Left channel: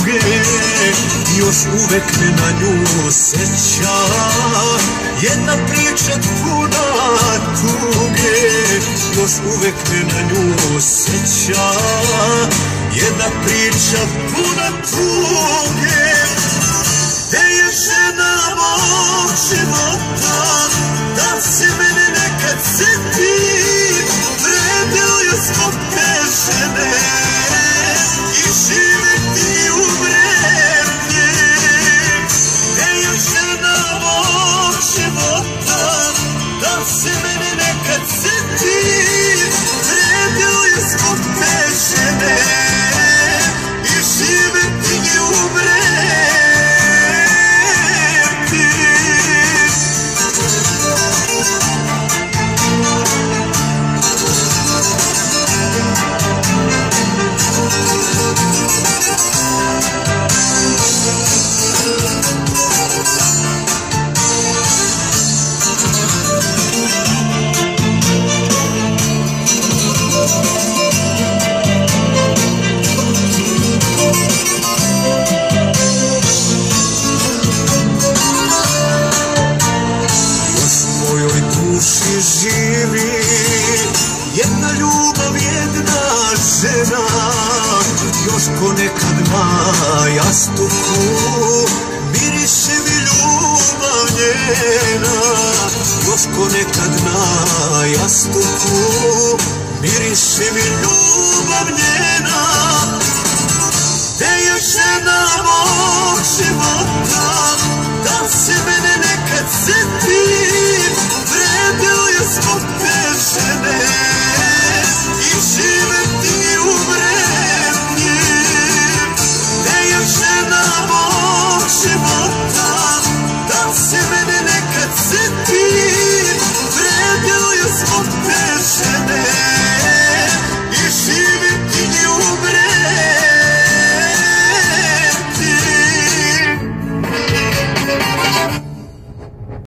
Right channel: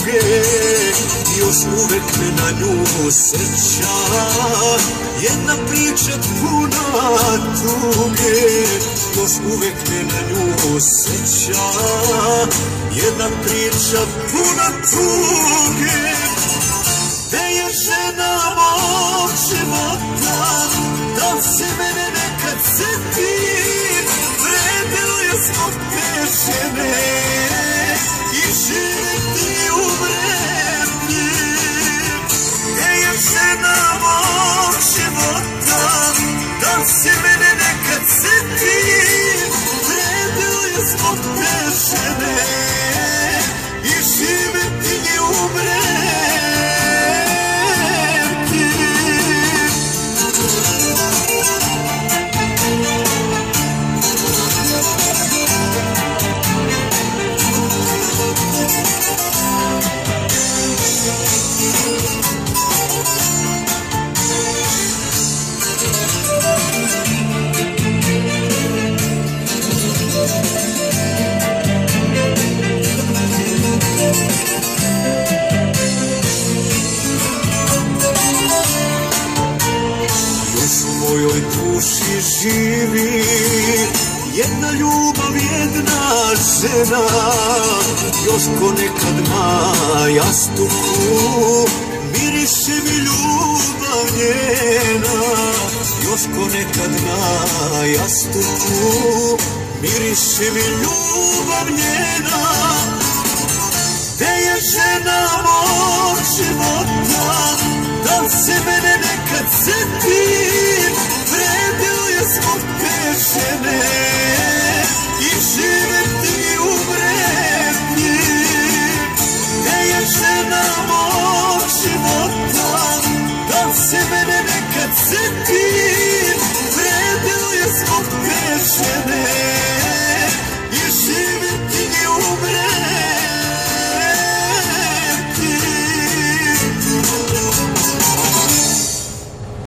tuge, još uvek me na nju seća. Jedna priča puna tuge, još uvek me na nju seća. Jedna priča puna tuge, gde je žena mog života, da se mene nekad seti. Vredeo je zbog te žene i živeti u vremlji. Gde je žena mog života, da se mene nekad seti. Vredeo je zbog te žene i živeti u vremlji. Živi jedna ljubav, jedna žena, još ponekad na jastuku miriše mi ljubav njena. Još ponekad na jastuku miriše mi ljubav njena. Gde je žena mog života, da se